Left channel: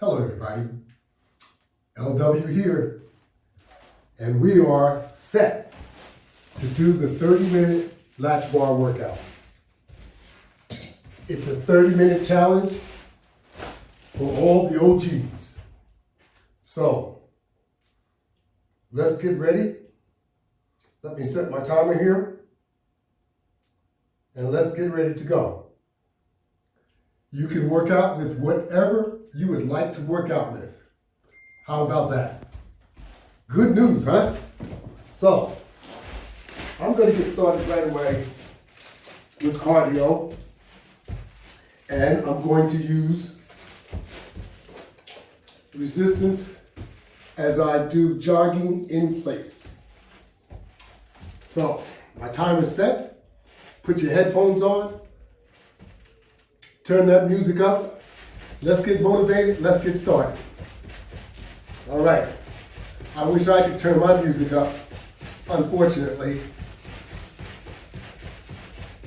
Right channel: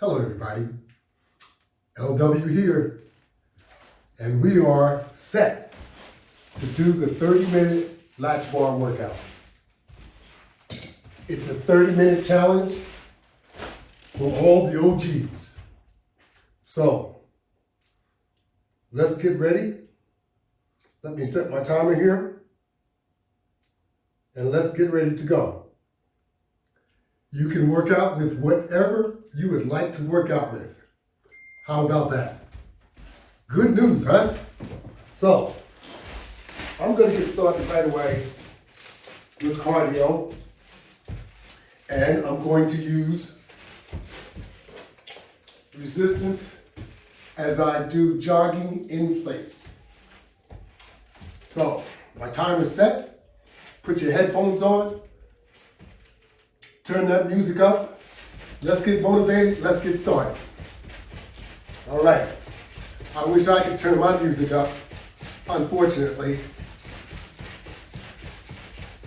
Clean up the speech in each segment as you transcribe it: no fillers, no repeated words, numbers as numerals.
Hello everybody, LW here, and we are set to do the 30-minute Latchbar workout. It's a 30-minute challenge for all the OGs. So, let's get ready. Let me set my timer here, and let's get ready to go. You can work out with whatever you would like to work out with. How about that? Good news, huh? So, I'm going to get started right away with cardio. And I'm going to use resistance as I do jogging in place. So, my timer is set. Put your headphones on. Turn that music up. Let's get motivated. Let's get started. All right. I wish I could turn my music up. Unfortunately,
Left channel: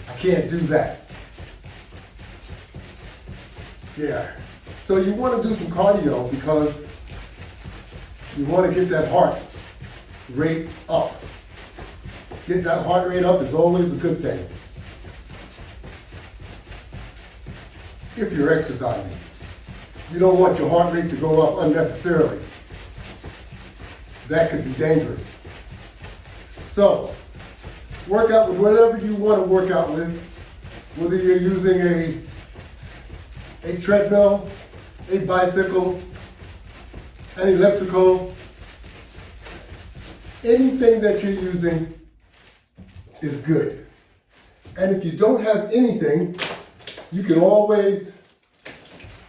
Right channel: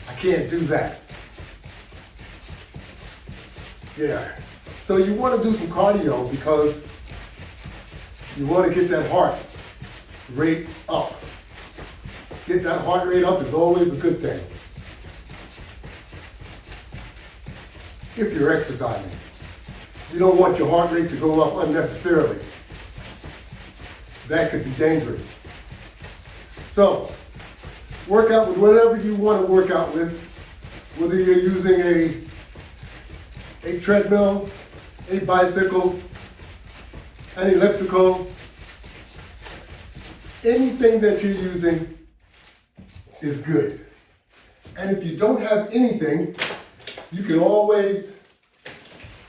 I can't do that. Yeah. So you want to do some cardio because you want to get that heart rate up. Get that heart rate up is always a good thing. If you're exercising. You don't want your heart rate to go up unnecessarily. That could be dangerous. So, work out with whatever you want to work out with, whether you're using a treadmill, a bicycle, an elliptical, anything that you're using is good. And if you don't have anything, you can always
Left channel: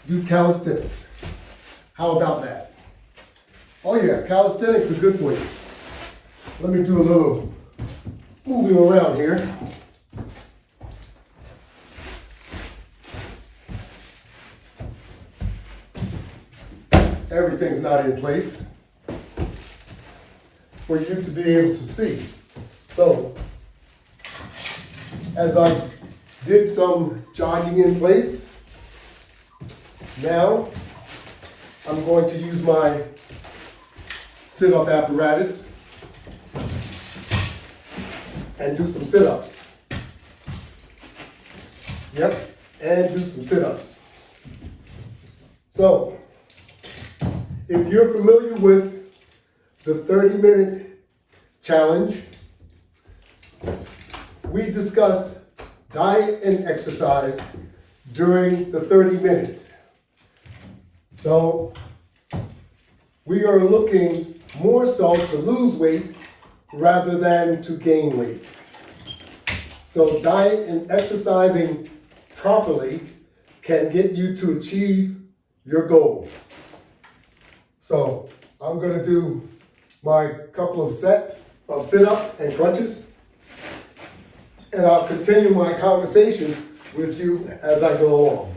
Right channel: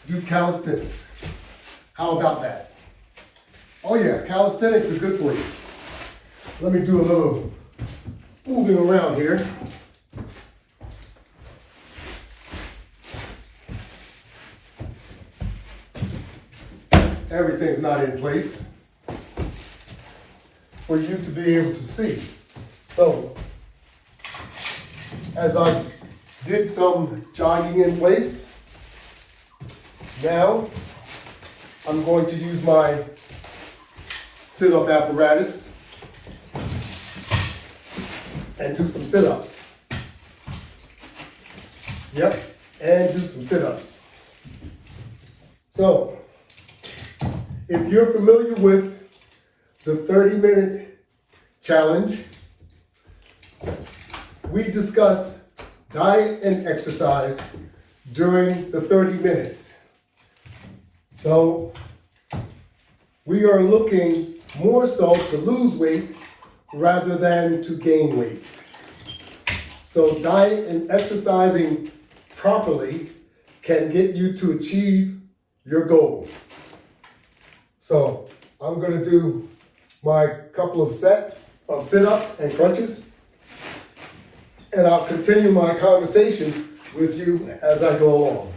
do calisthenics. How about that? Oh yeah, calisthenics are good for you. Let me do a little moving around here. Everything's not in place for you to be able to see. So, as I did some jogging in place, now I'm going to use my sit-up apparatus and do some sit-ups. Yep, and do some sit-ups. So, if you're familiar with the 30-minute challenge, we discuss diet and exercise during the 30 minutes. So we are looking more so to lose weight rather than to gain weight. So diet and exercising properly can get you to achieve your goal. So I'm going to do my couple of set of sit-ups and crunches, and I'll continue my conversation with you as I go along.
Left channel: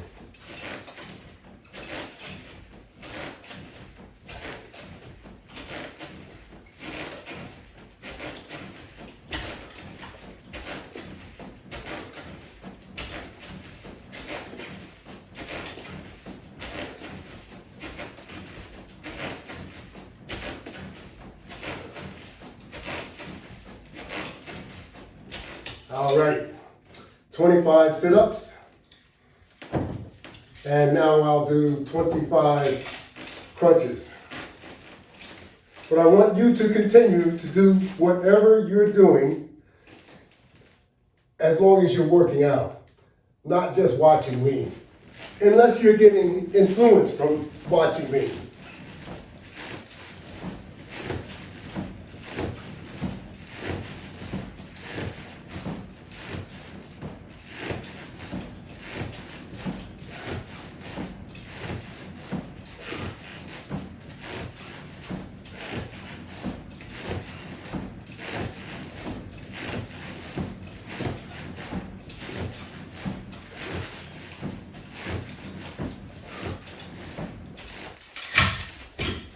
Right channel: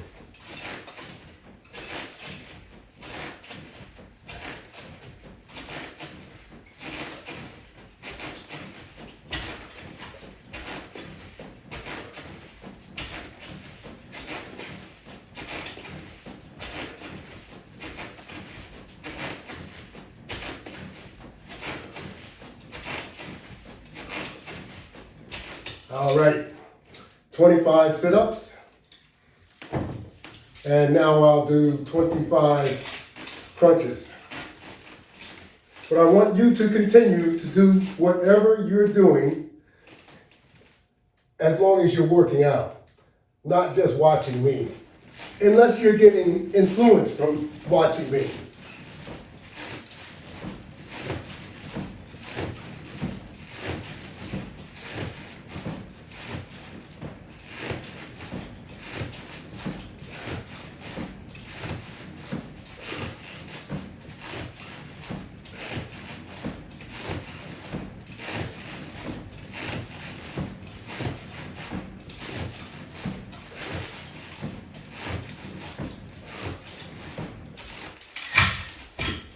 All right, 25 sit-ups, and now I'll do 25 crunches. But I want you to continue to do whatever you're doing as long as you're working out, not just watching me, unless you're getting influence from watching me.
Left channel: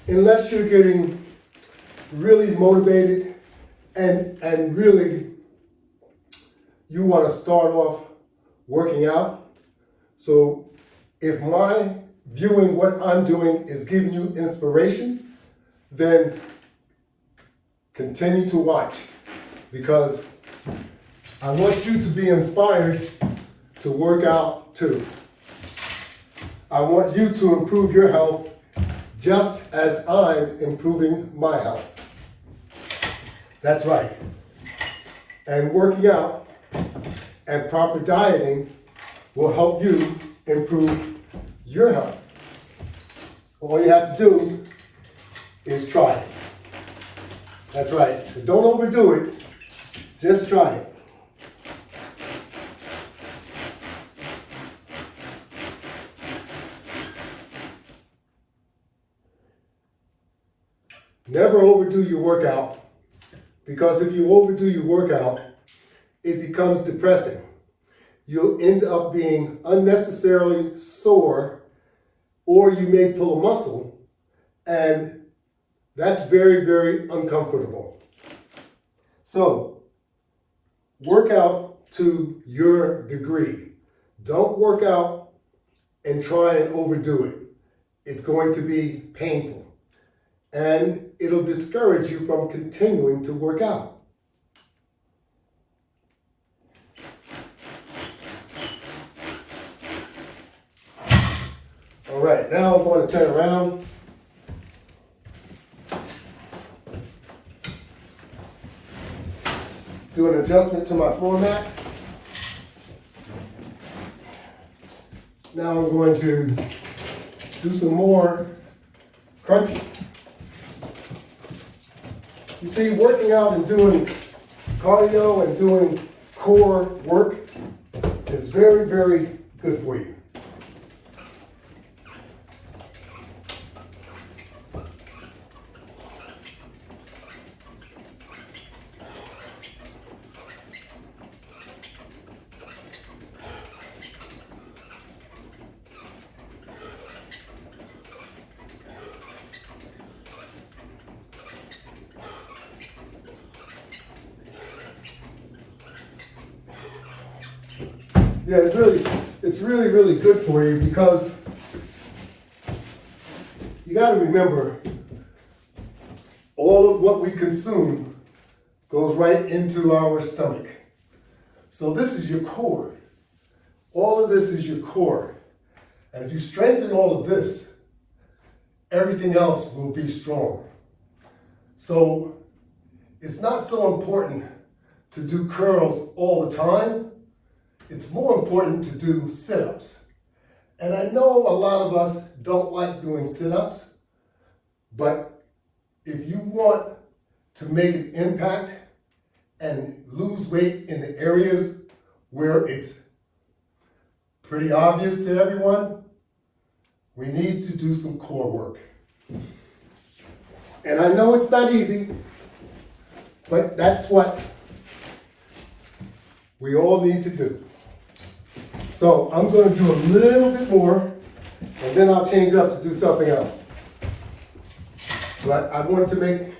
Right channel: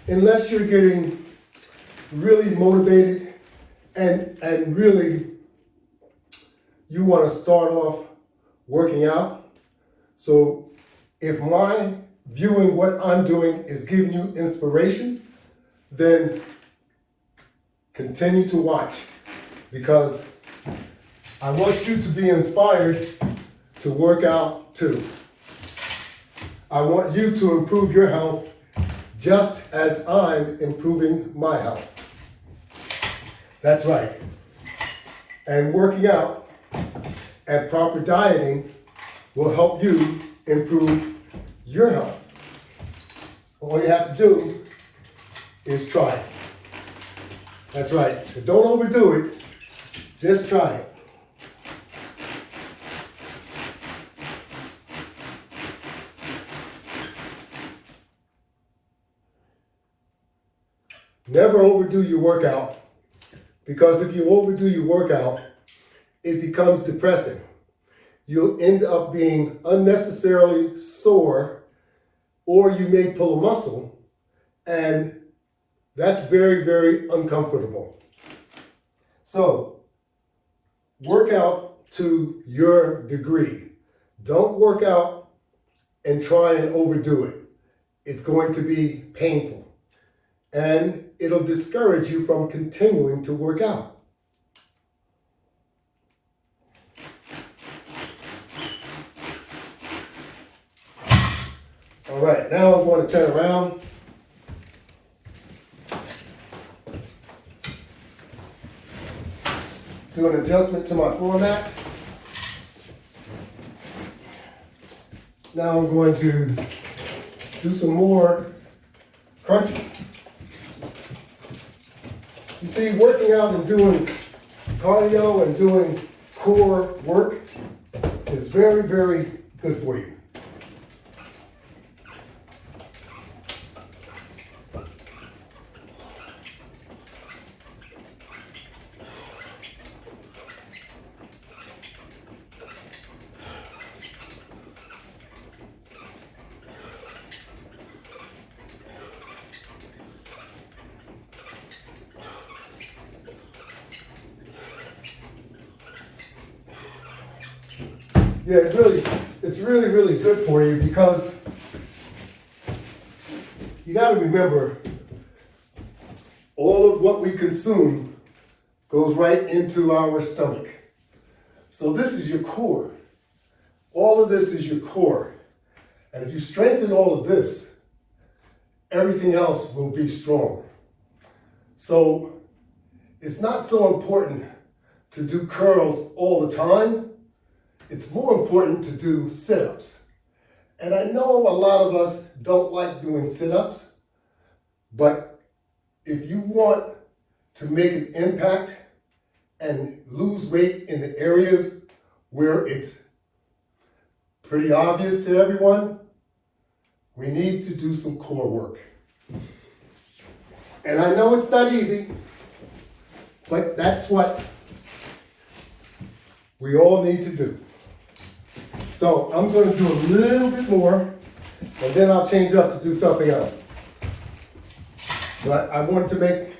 Unless you're getting really motivated and really you want to start off working out. So if my viewing what I'm doing is giving you inspiration, then continue to watch, because I want you to be inspired to work out too. I want you to improve your health just as I'm improving my health. That's right. And working out and proper dieting will help you improve your health. All you have to do is try it. That's right. Don't overdo it. Just try it. Never overdo your workout, because if you overdo your workout, it becomes depressing. You'll end up being unnecessarily sore, or you may pull a muscle, and that's very, very uncomfortable. So, work out to your degree. Don't work out and try and overdo it. It's going to be painful, and it'll discourage you from continuing to work out. All right, now I'm going to turn around. Do an adjustment to my floor mat. Now I'm going to do some more crunches. You see, working out and doing cardio and doing core work is very, very good for you. Yeah, it's really good for you, because you got to remember, all of what we consume goes right into our stomach. So this is your core. All of this is your core. And if you strengthen all of this, everything else will be strong. So it's not so important to do curls all the time. It's more important to do sit-ups. And I know a lot of us don't like doing sit-ups, but if you want to make an impact and lose weight in the areas where it's pretty obvious to everyone, we need to do some core work. And I know it's not easy, but that's what we all need to do. So I'm going to do a little bit more, and then I'll change up to do something else. But I wanted to make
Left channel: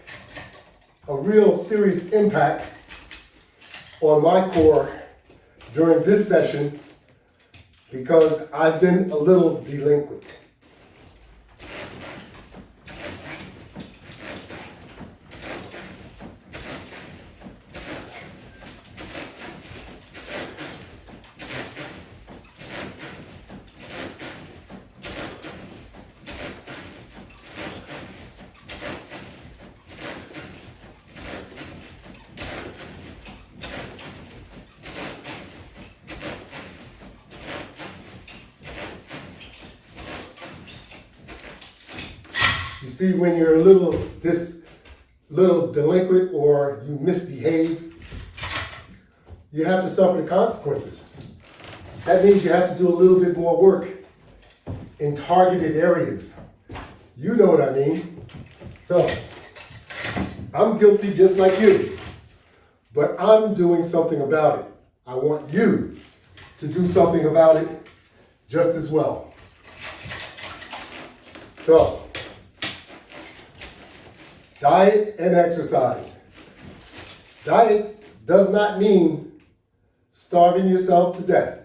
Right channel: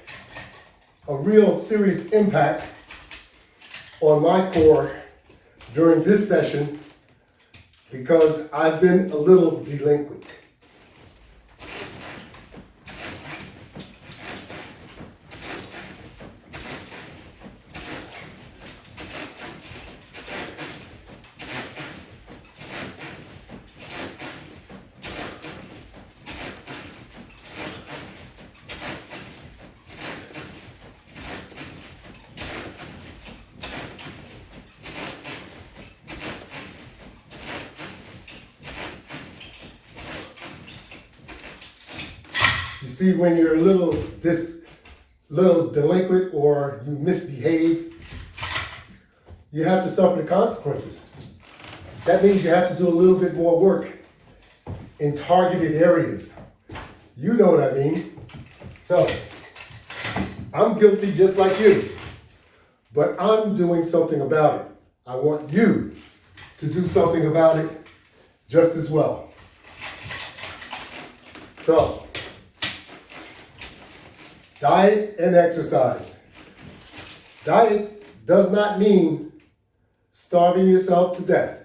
a real serious impact on my core during this session, because I've been a little delinquent. You see, when you're a little delinquent or you misbehave, you have to suffer the consequences. That means you have to do a little bit more work in targeted areas. You know what I mean. So, I'm guilty just like you, but I'm doing something about it. I want you to do something about it just as well. So, diet and exercise. Diet does not mean starving yourself to death.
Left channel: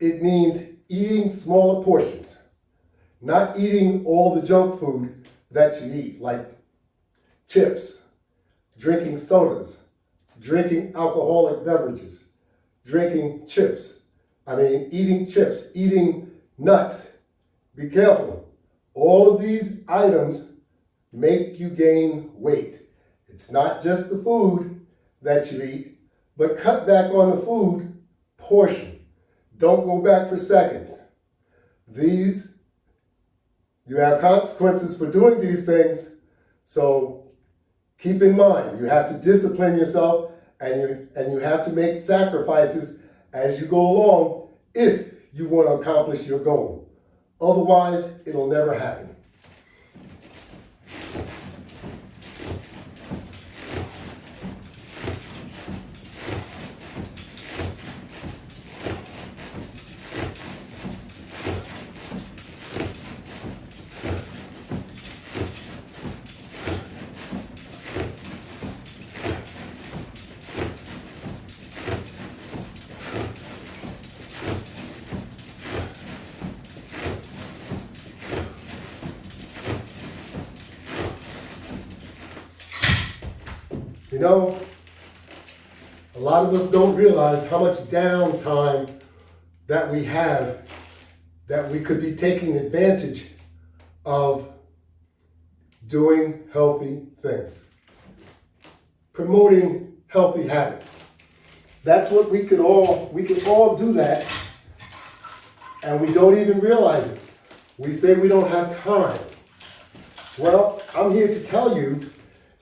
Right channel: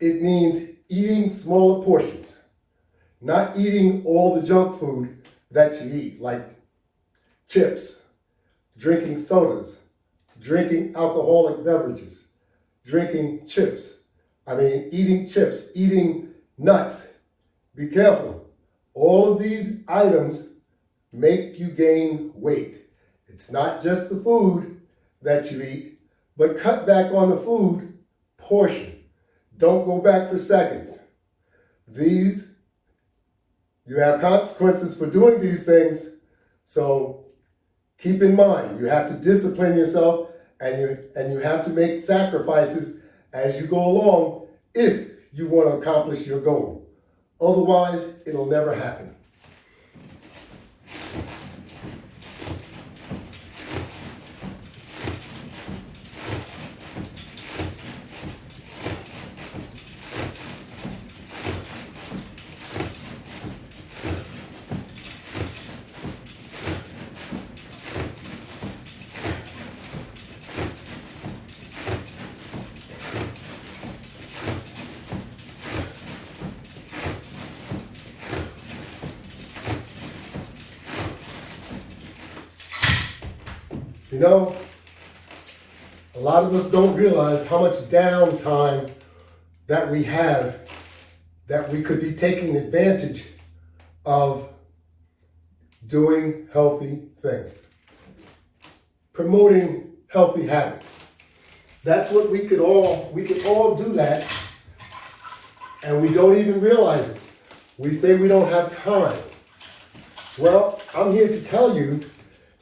It means eating smaller portions. Not eating all the junk food that you eat, like chips, drinking sodas, drinking alcoholic beverages, eating chips, eating nuts. Be careful. All of these items make you gain weight. It's not just the food that you eat, but cut back on the food portion. Don't go back for seconds. You have consequences for doing these things, so keep in mind, you have to discipline yourself and you have to make sacrifices as you go along if you want to accomplish your goal. Otherwise, it'll never happen. You know, a lot of us don't realize how much downtime that we have that we could be taking advantage of doing healthy things, promoting healthy habits. That's what we can all do that, and we don't even realize it. We say we don't have time. Well, I'm here to tell you,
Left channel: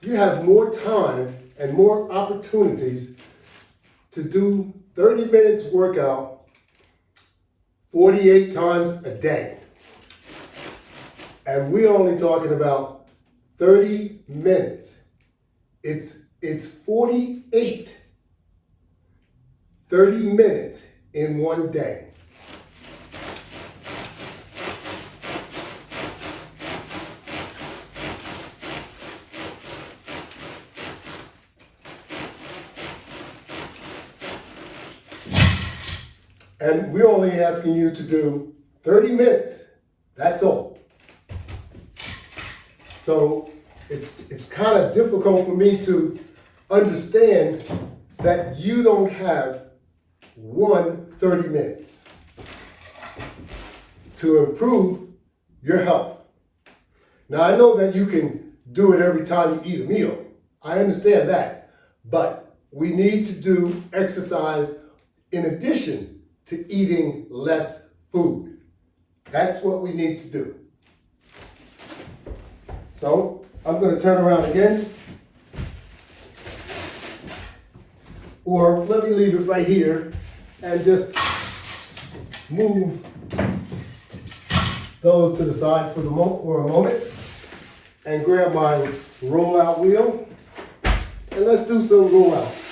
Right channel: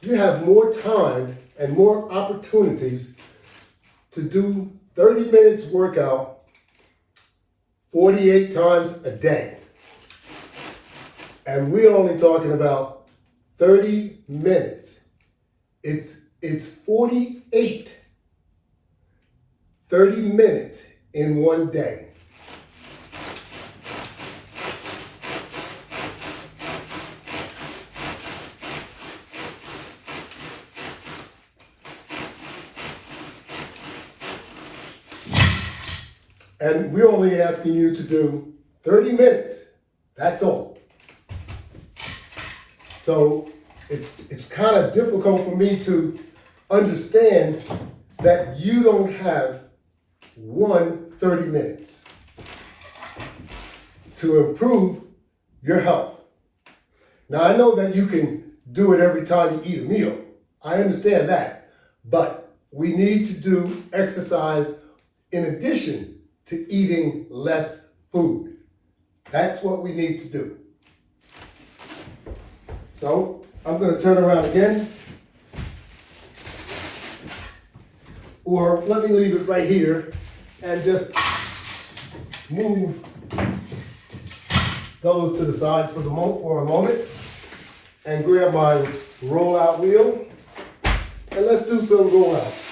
you have more time and more opportunities to do 30 minutes workout 48 times a day. And we're only talking about 30 minutes. It's 48, 30 minutes in one day. And we're only asking you to do 30 minutes. That's all. So it's kind of difficult for me to understand that you don't have 30 minutes to improve your health. Now, I know that you can do it every time you eat a meal. I understand that. But we need to do exercise in addition to eating less food. That's what we need to do. So I'm going to turn around again. Or let me leave it right here and just move those to the side for a moment and grab my roll-out wheel and let's do some roll-outs.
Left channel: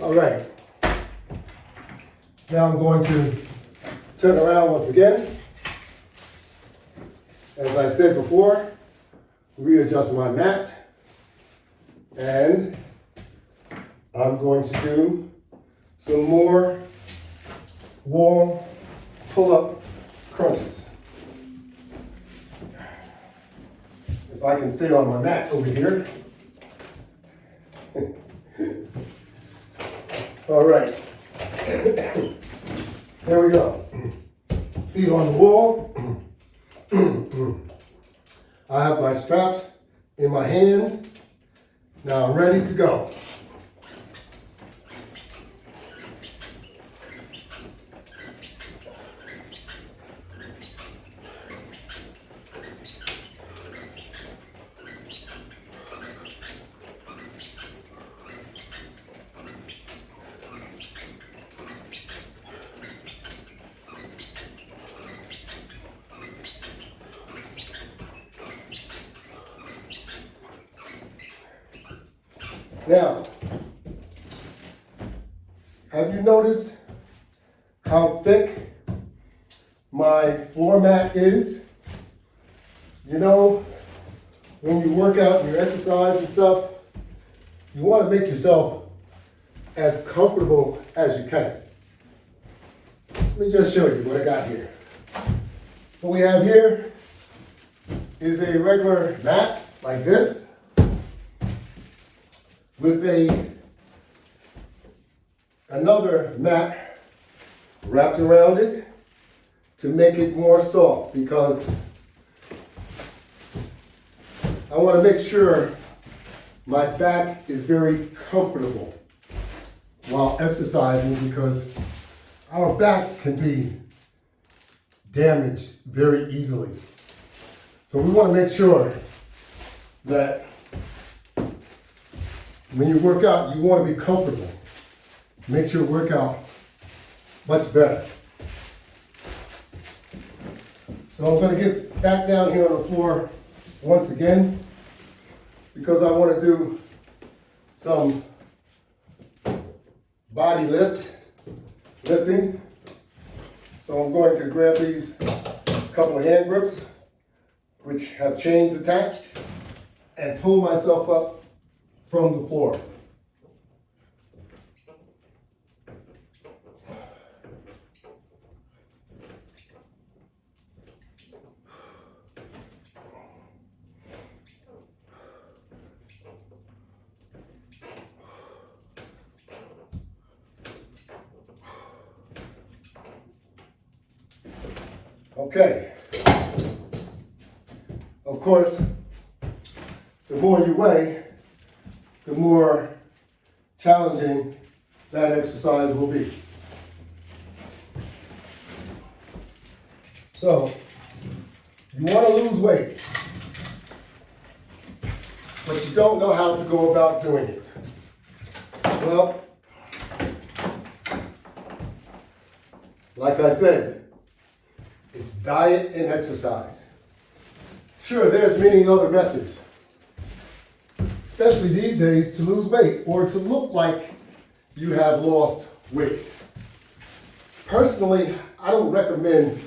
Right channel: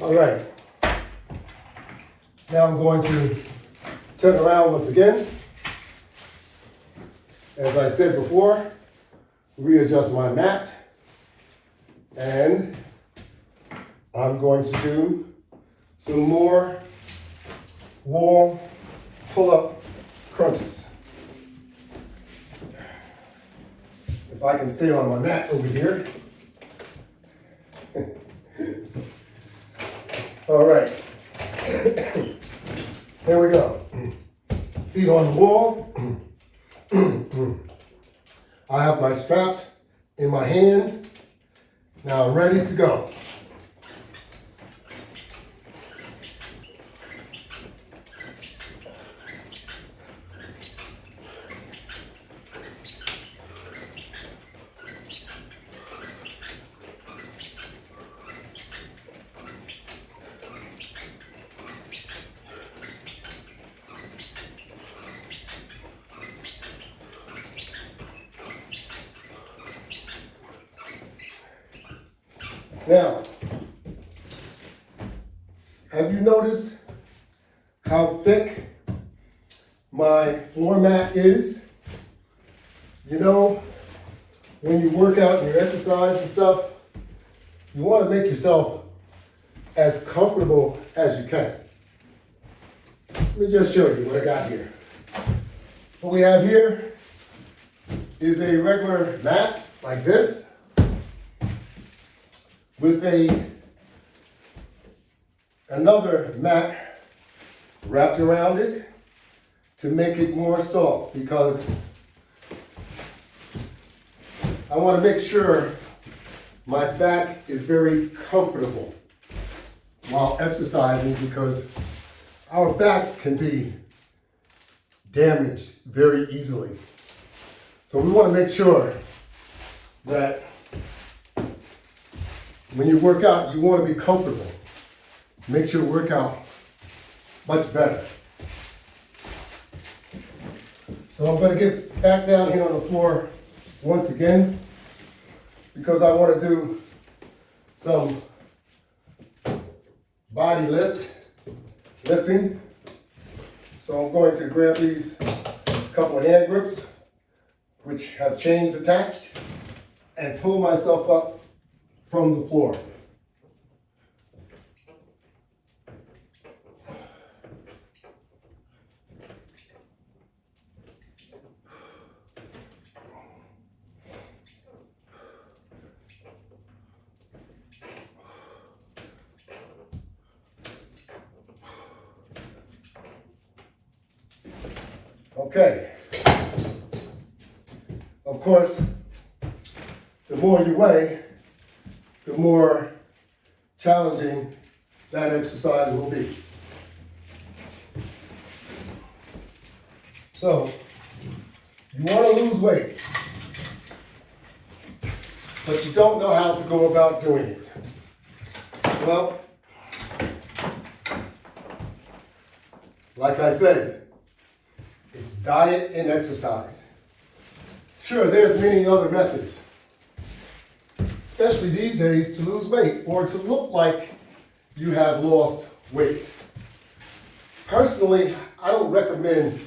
All right, now I'm going to turn around once again. As I said before, readjust my mat, and I'm going to do some more wall pull-up crunches. If I can stay on my mat over here. All right, here we go. Feet on the wall. I have my straps in my hands. Now I'm ready to go. Now, have you noticed how thick my floor mat is? You know, when you work out and you exercise and stuff, you want to make yourself as comfortable as you can. Let me just show you what I got here. What we have here is a regular mat like this with another mat wrapped around it to make it more soft, because I want to make sure my back is very comfortable while exercising, because our backs can be damaged very easily. So we want to make sure that when you work out, you want to be comfortable. Makes your workout much better. So I'm going to get back down here on the floor once again, because I want to do some body lifting. So I'm going to grab these couple of hand grips, which have chains attached, and pull myself up from the floor. Okay. Of course, the more you weigh, the more challenging that exercise will be. So, you want to lose weight, but you don't know how to go about doing it. Well, like I said, it's diet and exercise. Sure, there's many other methods, especially these days, to lose weight or to look like you have lost weight. Personally, I don't recommend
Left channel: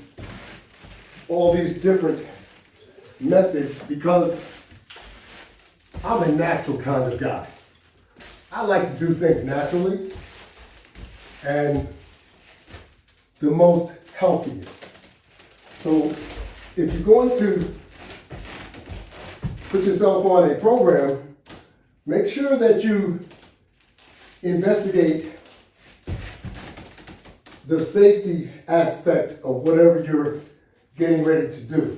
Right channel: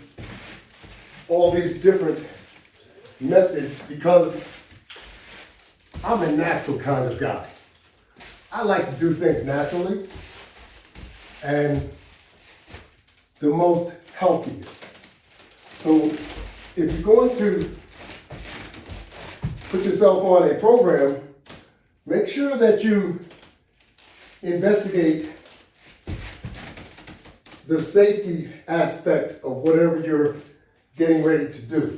all these different methods, because I'm a natural kind of guy. I like to do things naturally and the most healthiest. So if you're going to put yourself on a program, make sure that you investigate the safety aspect of whatever you're getting ready to do.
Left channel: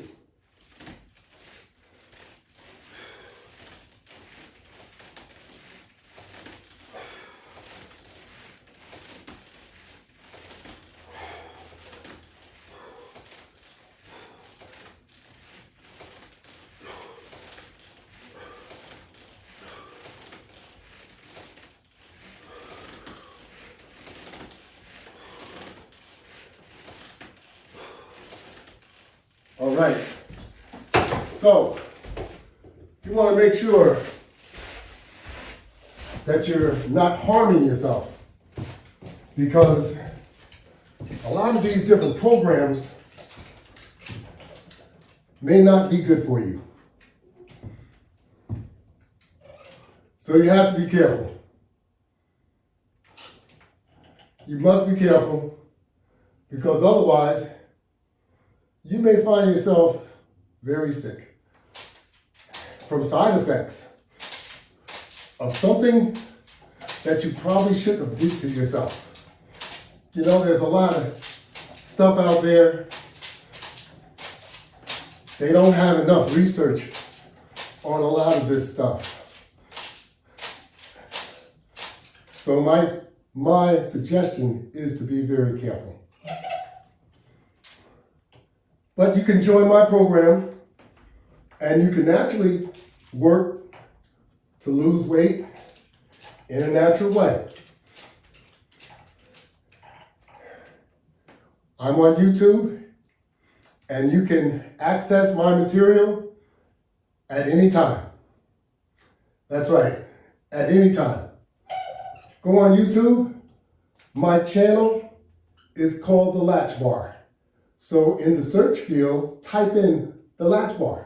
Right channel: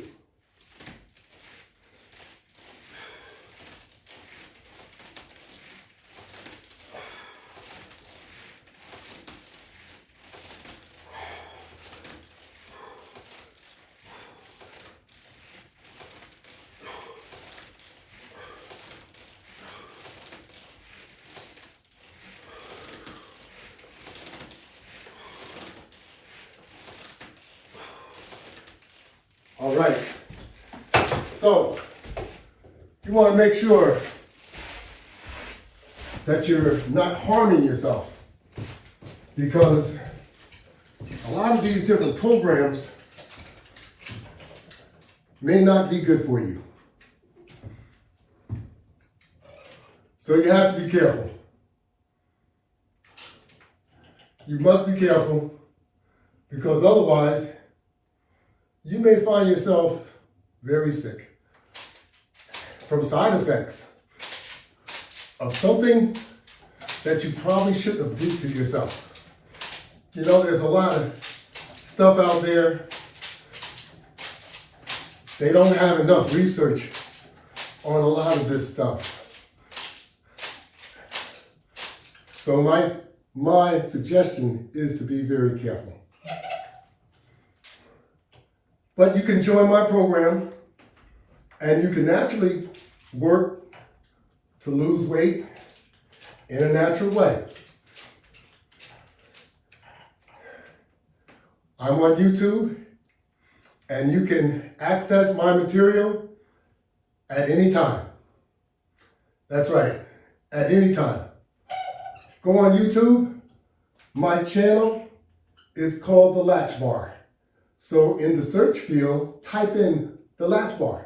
All right, so you want to make sure that you're not harming yourself, because a lot of these different programs may not be good for you. So you have to be careful. You must be careful, because otherwise you may find yourself very sick from side effects of something that you probably shouldn't have done to yourself. You know, there's a lot of stuff out there. They don't have enough research on a lot of this stuff. So my suggestion is to be very careful. But you can join my program and you can naturally work to lose weight in a natural way. I'm on YouTube, and you can access my material at any time. That's right, at any time. Go on YouTube. My channel is called the Latchbar. So in the search field, type in the Latchbar.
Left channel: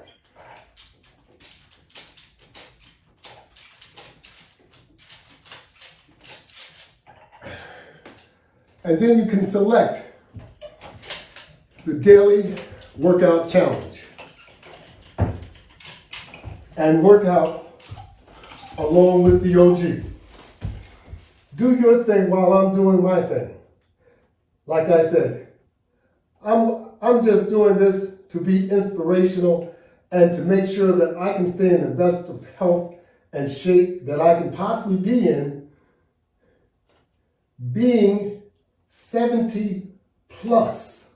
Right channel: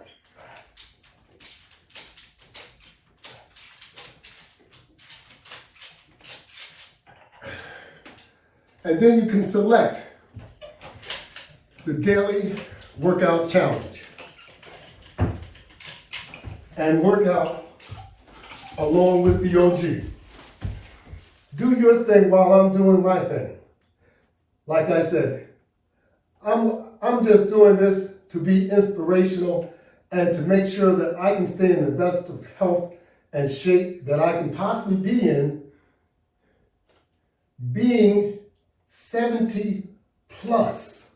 And then you can select the daily workout challenge and work out along with the OG. Do your thing while I'm doing my thing. Like I said, I'm just doing this to be inspirational and to make sure that I can stay in the best of health and shape that I can possibly be in, being 70 plus.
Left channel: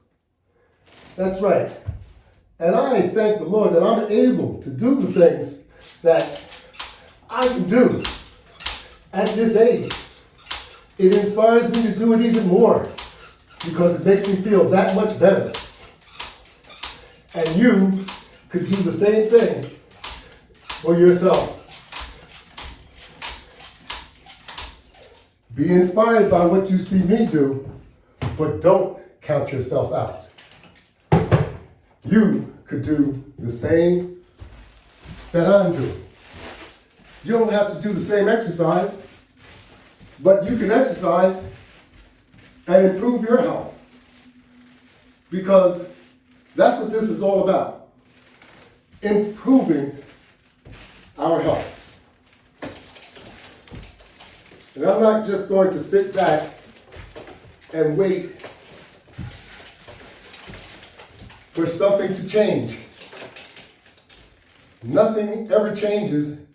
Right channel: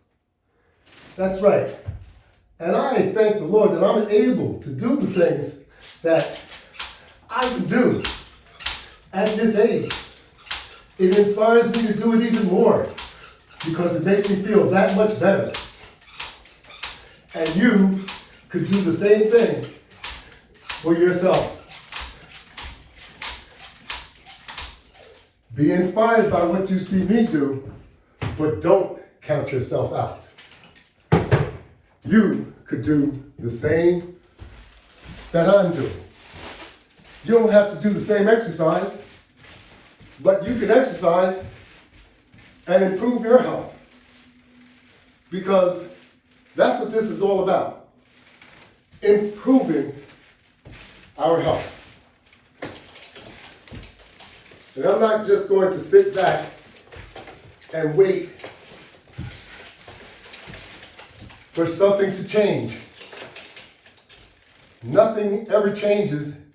That's right. And I thank the Lord that I'm able to do the things that I can do at this age. It inspires me to do it even more because it makes me feel that much better. And you could do the same thing for yourself. Be inspired by what you see me do, but don't count yourself out. You could do the same that I'm doing. You don't have to do the same exercise, but you can exercise and improve your health. Because that's what this is all about. Improving our health. And I'm not just going to sit back and wait for something to change. Nothing ever changes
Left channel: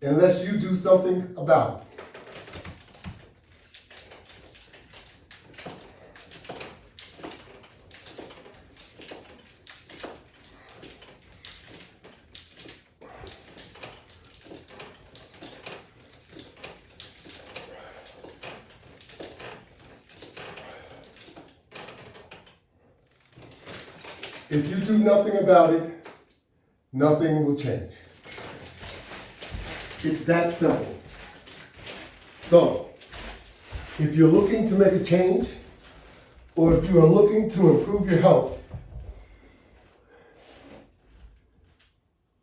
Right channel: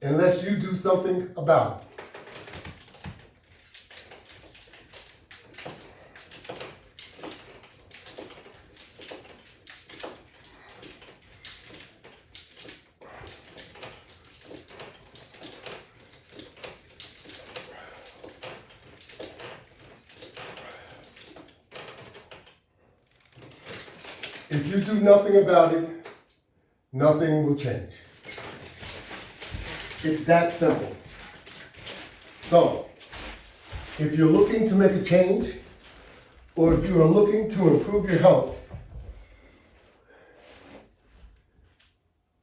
unless you do something about it. If you do nothing about it, nothing will change. It's that simple. So, if you're looking to make a change, or if you are looking to improve your health,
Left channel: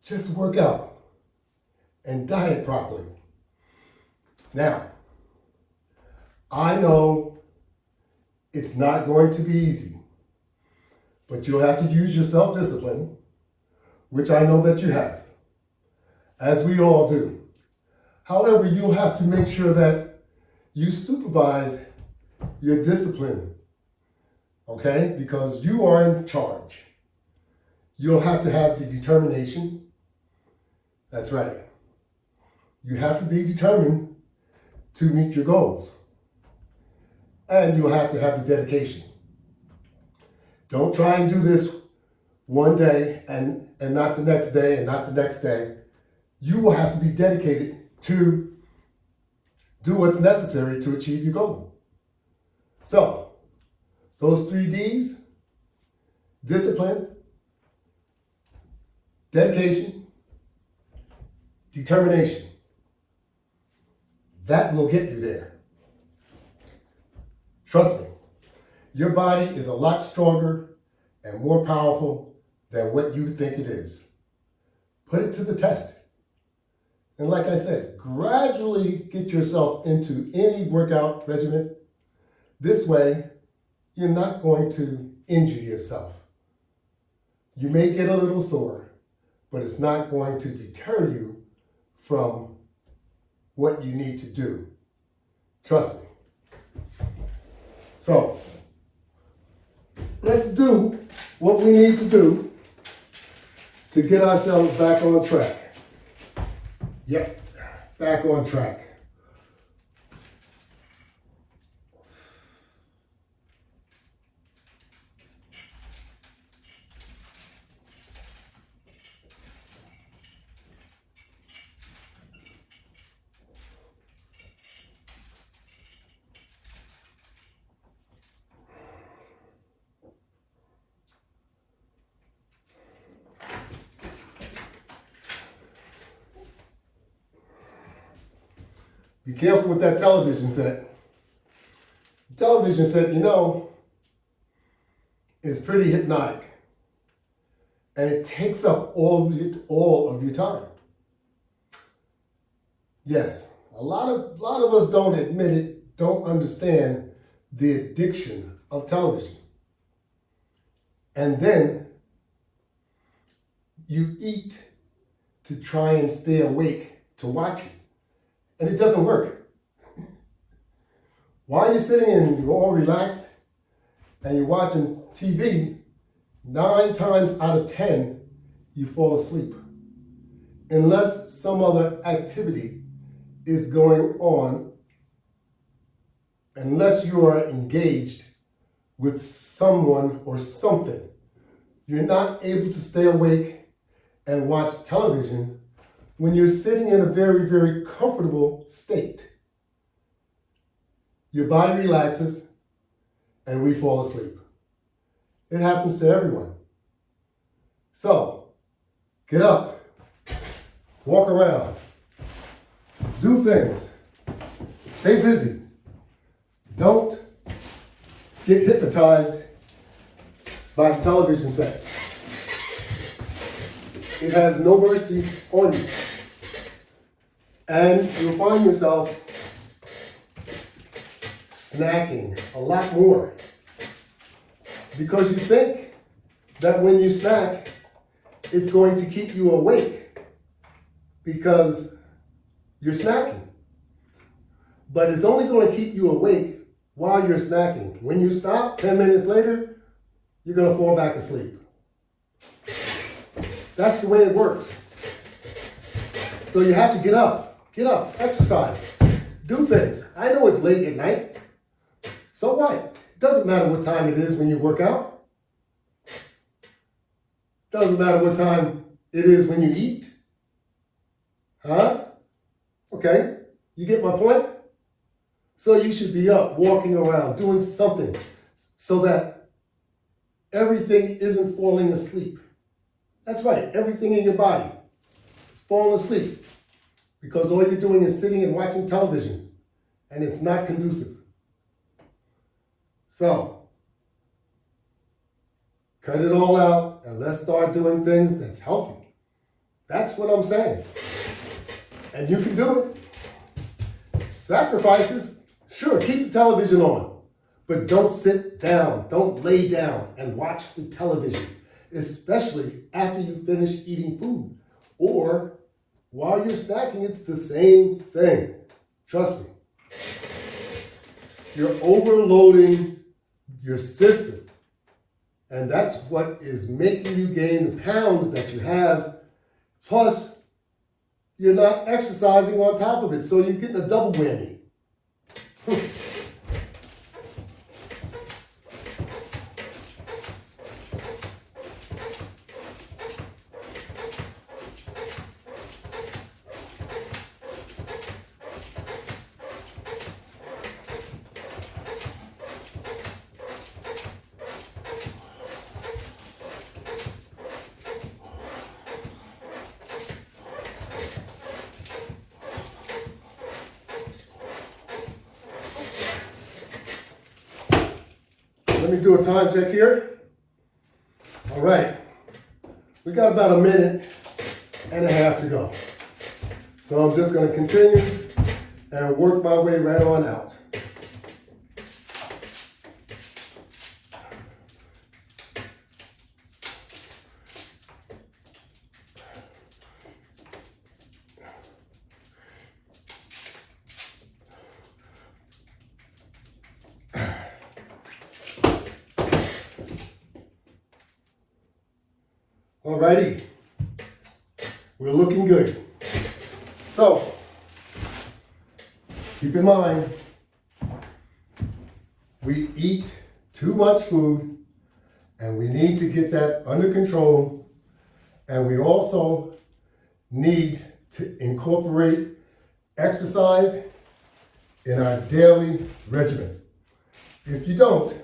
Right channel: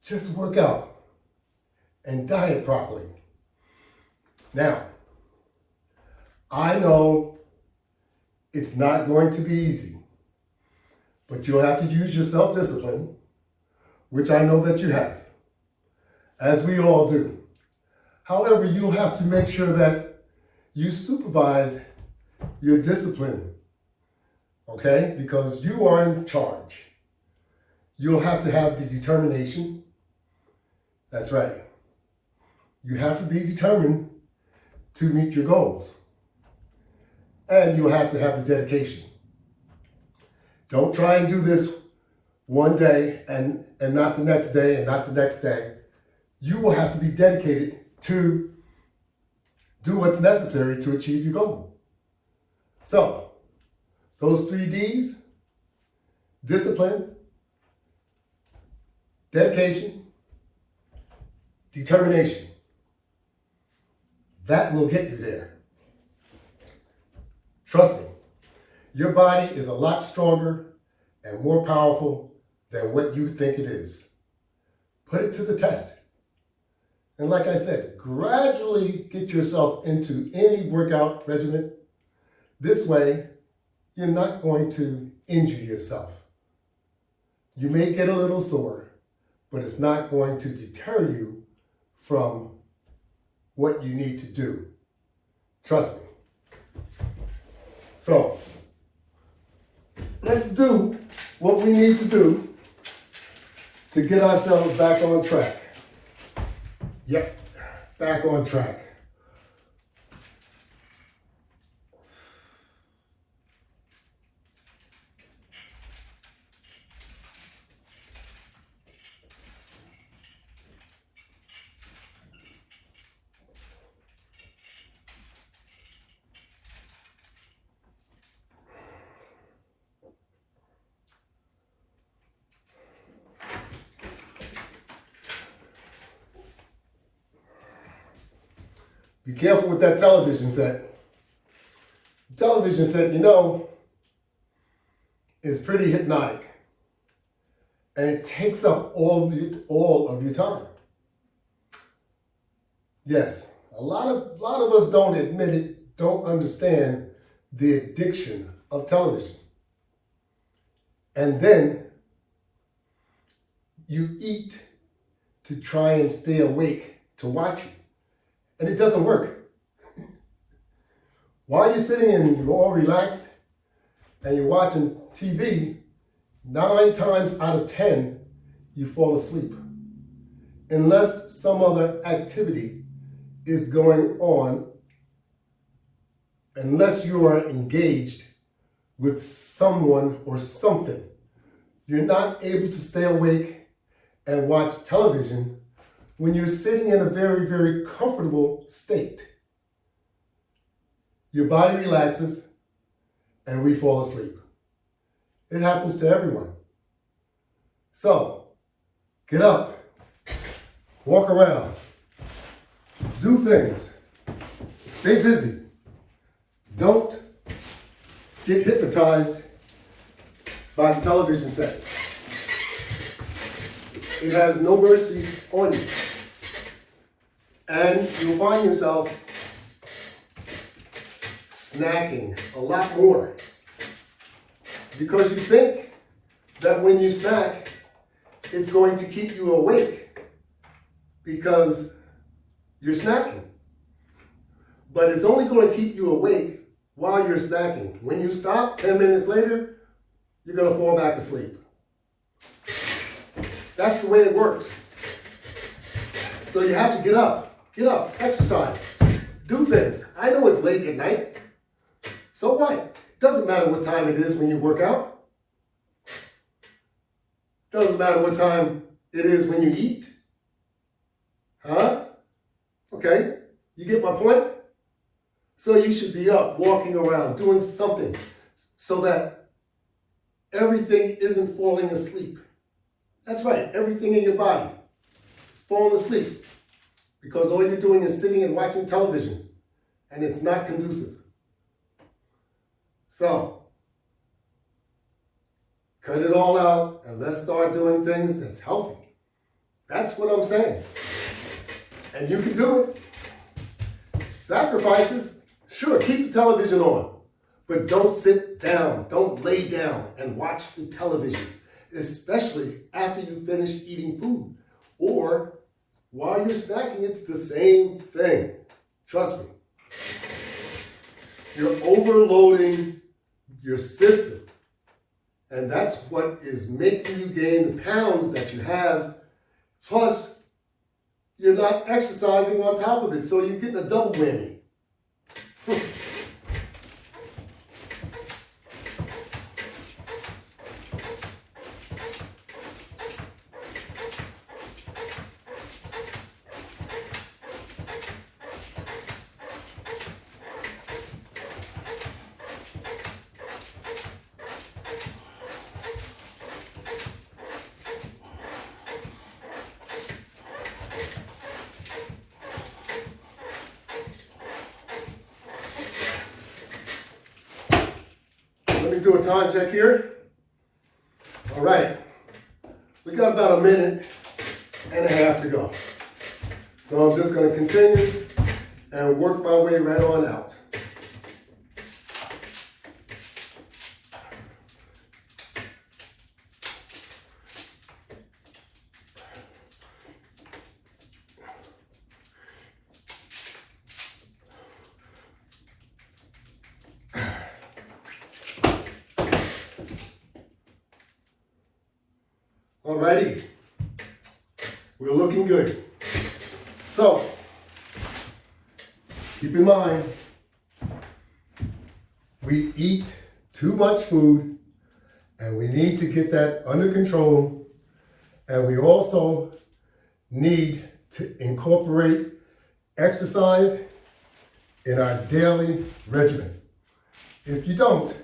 just work out and diet properly. Now, I know it's not going to be easy. But you'll have to use your self-discipline, which I know that you have, as we all do. However, you'll have to make sure that you supervise your discipline, okay? Because you are in charge. You'll have to have the determination. That's right. You have to be determined to meet your goals. And you'll have to have the dedication. Don't try and do this one day and not the next day and not the next day. You will have to be dedicated to do what's necessary to achieve your goal. So, those 3 Ds, discipline, dedication, determination, that will get you there. Trust me. Your body is a lot stronger and more powerful than what you think it is. Put it to the test. And like I said, gradually get yourself into any workout regimen. This way, you're not going to injure yourself. You may get a little sore, but it's not going to deter you from what you need to do. Trust me. So, let's do what we need to do to get ourselves back on track. Yep, back on track. Be careful with that television set. The television set, is pretty hypnotic. And it takes up all of your time. Yes, a lot of us don't admit it, don't understand the addiction of television. And then you eat to try and stay awake to watch it. And it doesn't work. While you're sitting and you're all relaxed and you're watching TV, 9 times out of 10, you fall asleep. Unless some other activity is going on, unless you are engaged with someone or something, you're not able to stay awake and watch television when you're sitting in a very, very comfortable state. Your body relaxes and we fall asleep. It happens to everyone. So, get up, walk around, do things, stay busy. Don't get hypnotized by the television set. It has no mercy on you. And you'll find yourself snacking a lot more because you think that when you snack, it's going to keep you awake because you're snacking. But it's only going to keep you awake while you're snacking. When you stop, 10 minutes later, you're going to fall back asleep. That's the way it works. So you have to get up, exercise, do things. I know it's late at night. So what? It doesn't matter what time it is when you work out. Doesn't matter what time it is when you eat. Huh? Okay, you get my point? So you should be up, walking around, doing something so that everything isn't falling asleep. That's right, everything in your body is falling asleep because all you're doing is sitting and watching television and it's not conducive. So, cut it all out and let's start doing things that's healthy. That's what I'm saying. And you can do it. Sacrifices, sure, keep the television on, but don't sit down, don't lay down and watch the television, especially after you finish eating food. Or while you're snacking, it's the same thing. Trust me. You're overloading your system. And that's what is making you gain the pounds that you have. Plus, you're not exercising on top of it, so you're getting a double whammy. Let me do a time check here. All right, we got about 1.5 minutes to go. So I'm just going to continue and work my way right on out. Alrighty, we're looking good. So, keep in mind, we eat too much food and we need to get that under control, and we also need to incorporate exercise in our daily regimen. If you don't,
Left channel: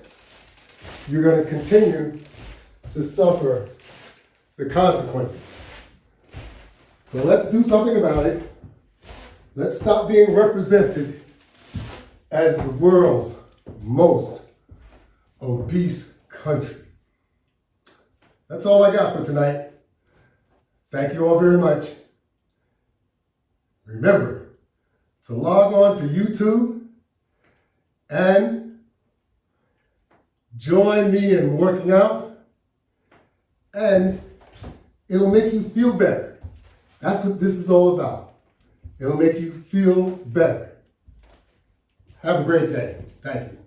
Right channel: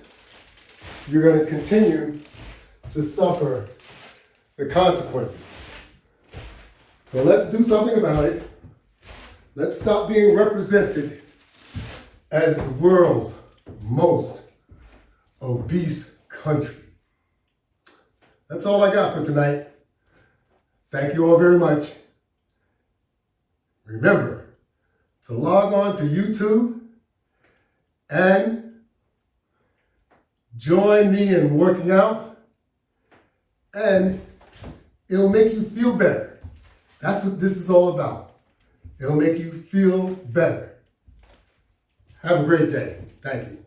you're going to continue to suffer the consequences. So let's do something about it. Let's stop being represented as the world's most obese country. That's all I got for tonight. Thank you all very much. Remember to log on to YouTube and join me in working out, and it'll make you feel better. That's what this is all about. It'll make you feel better. Have a great day. Thank you.